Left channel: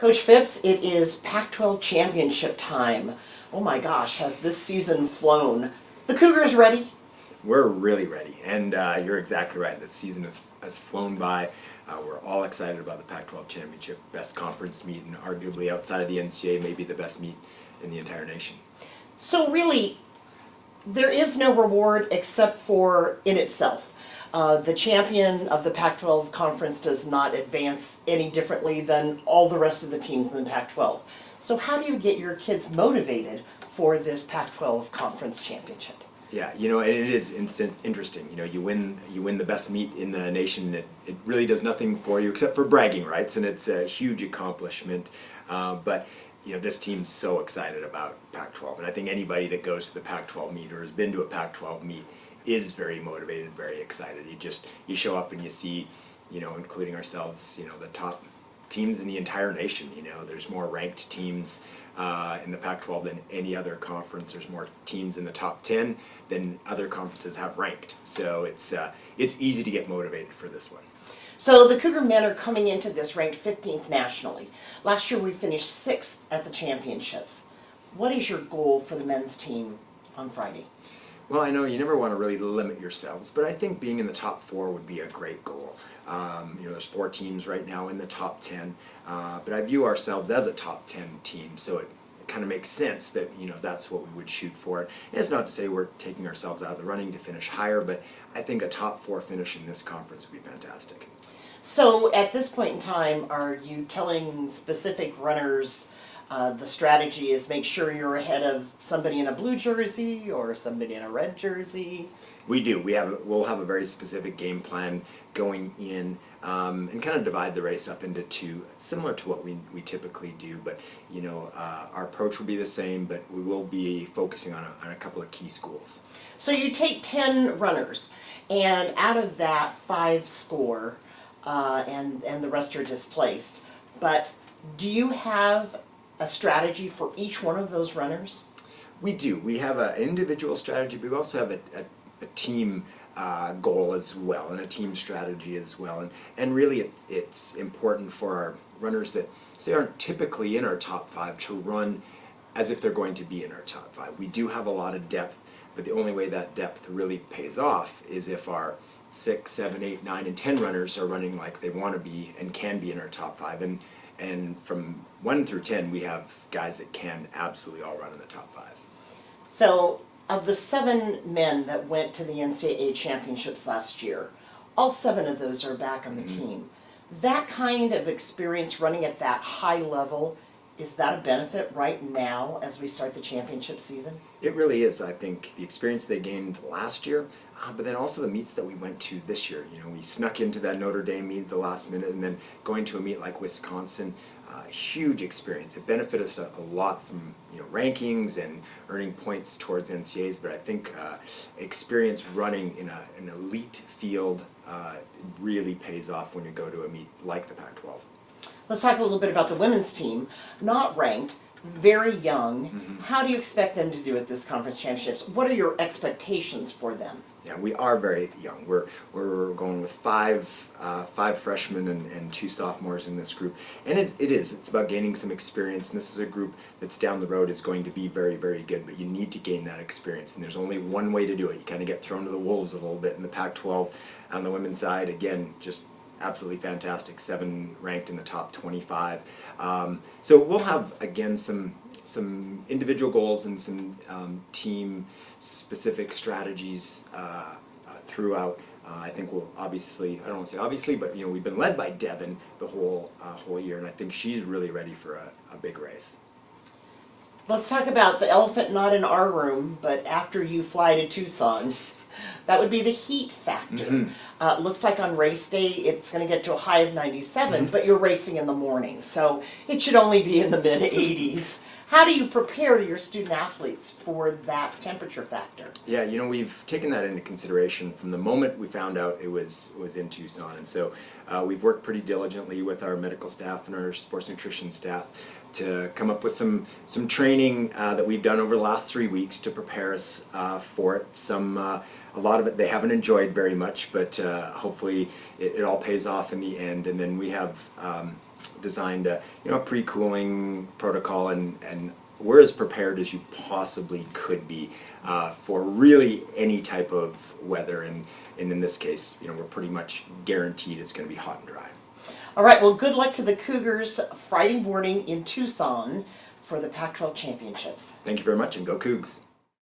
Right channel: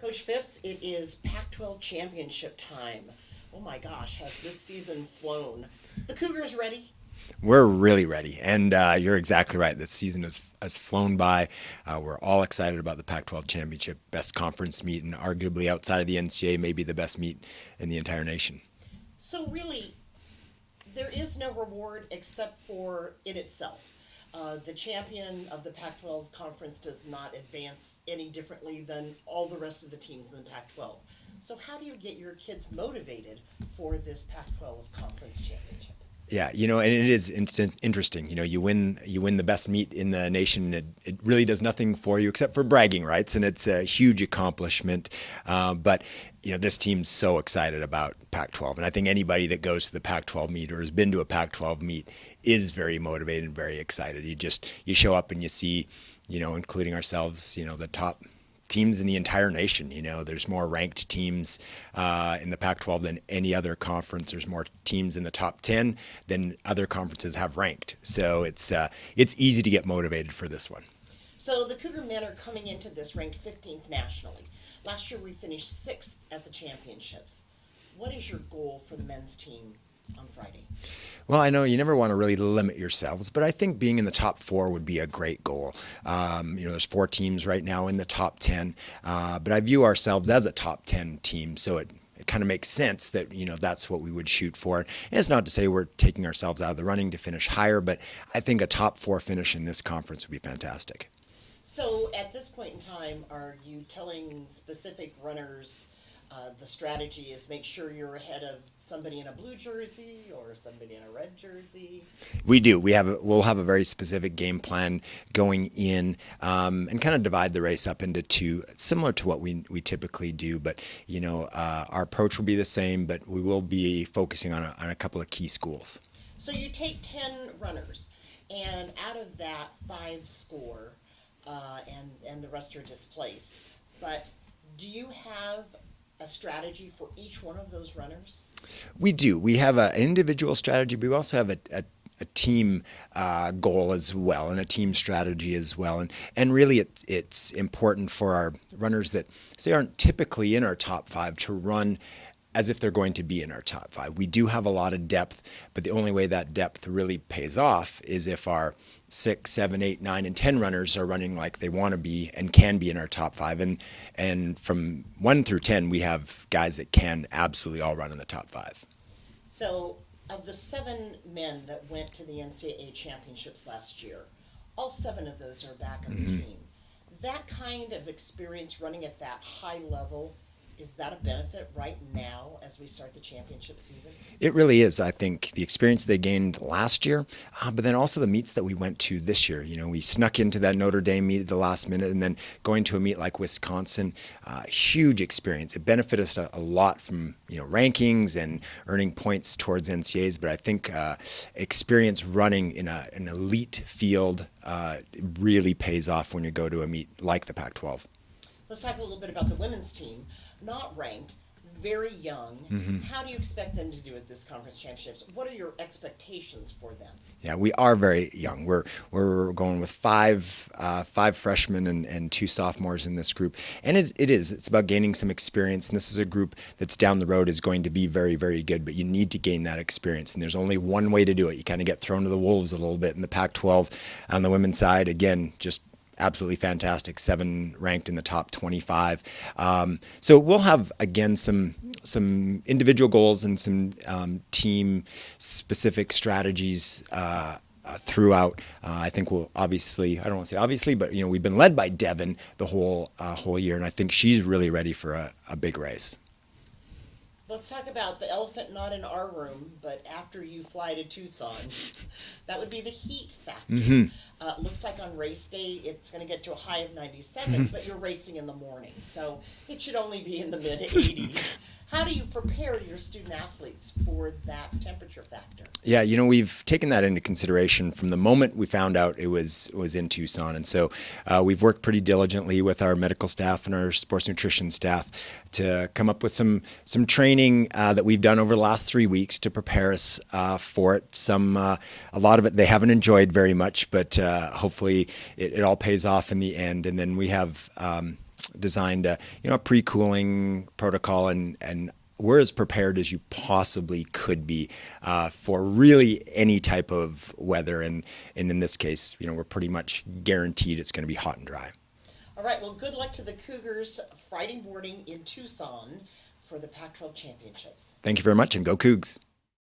Coach Phipps, it is Pac-12 championship time. Oh my gosh, has this season flown? The Cougars ready? We're really ready, and you're exactly right. The season has flown by. We're all excited about the Pac-12 championship, best conference meet, and arguably outside of the NCAA, maybe the best meet in the entire nation. So really, there is no reward except for in itself. The champion of the Pac-12 conference does not advance any differently than all the rest of the teams in the Pac-12. So how do you get your kids motivated for this Pac-12 conference championship? Yeah, and it's interesting. You win the best meet in the nation. It really does nothing for you except for bragging rights, and it's a huge accomplishment. But this team's so excited about Pac-12, and I think anybody that goes to the Pac-12 meet or has been to a Pac-12 meet is very motivated and very excited. You show up and you see, including ourselves, the top teams in the entire nation. There's more ranked teams in the Pac-12 than any other conference. There's more teams in the top 10 than other conferences have ranked. So it's easy to get motivated for this one. So the Cougar men are coming into this ranked 15th nationally. Last year we finished 6th at the championships. What is your goal for the men's team on Friday? Well, I know you never want to really limit yourselves, but I think being in the top 4 would be a great goal. There's 4 teams right now in the top 10, but I view ourselves as a top 10 team, so it kind of makes sense that that's what we would shoot for. And it's not to say we're taking ourselves out of the running to finish higher, but I think a top 4 finish in this conference would be fantastic. So at this point in time, are you telling specific runners the strategy is make sure you're ahead of somebody in a blue jersey or somebody in a red jersey? We do. We'll have a very specific game plan going in, and kind of divide the race up into 2, similar to what we typically do. But our approach will be the same, but we will be focusing on a couple of key schools. So you take 10 runners, and out of that 5 score, and the rest are displaced. But do you have a strategy for each one of those runners? We do. We have an individual strategy, but we also have a team goal as well, and a team strategy as well. And really it's important for our runners that say aren't typically in our top 5 to run as if they're going to be in our top 5. We do have a lot of depth, but the only way that depth really pays off is if our 6, 7, 8, 9, and 10 runners are running like they want to be and can be in our top 5. And from 1 through 10, we have guys that can absolutely all run in the top 5. So of the 7 men that went to the NCAA championships last year, all 7 of those are back on the team. That kind of experience running at that high level, is that a benefit right now as we start the championship season? It really is. I think the experience they gained last year, but then also the meets that we went to this year. We snuck into that Notre Dame meet at the last minute, and then going to a meet like Wisconsin, huge experience. It benefited us a lot from rankings and earning points towards NCAAs, but I think experience running in an elite field really pays off when you go to a meet like the Pac-12. Let's talk a little bit about the women's team. Not ranked, very young. How do you expect them to do at this conference championships? What are your expectations for them? Yeah, we are very young. We're going with five freshmen and 2 sophomores in this group, and it's about gaining some experience. And this is a group that's down the road is going to be very, very good, but you need to gain that experience, and there's only one way to do it. You kind of get thrown to the wolves a little bit in the Pac-12 on the women's side. Again, just absolutely fantastic, 7 ranked in the top 25. So we'll have, again, some individual goals and some team specific strategies throughout. I think we'll obviously, I don't want to say obviously, but we've been led by Devin the whole year, and I think she's really ready for a big race. Let's talk about the elephant not in our room, but after you fly to Tucson, that would be the heat factor. Looks like on race day it's going to get to a high of 97, but you're racing in the morning, so it should only be in the mid-80s. How do you prepare your student athletes for that temperature factor? Yeah, we've taken that into consideration from the moment we found out it was in Tucson, and so we've worked pretty diligently with our medical staff and our sports nutrition staff to come up with some training that we've done over the last 3 weeks to prepare us for it. A lot of it they haven't enjoyed very much, but hopefully it all pays off in the end. And then we have designed a pre-cooling protocol, and we're as prepared as you possibly could be for really any type of weather. And in this case, we're pretty much guaranteed it's going to be hot and dry. All right, well, good luck to the Cougars Friday morning in Tucson for the Pac-12 Championships. Thank you very much, and go Cougs.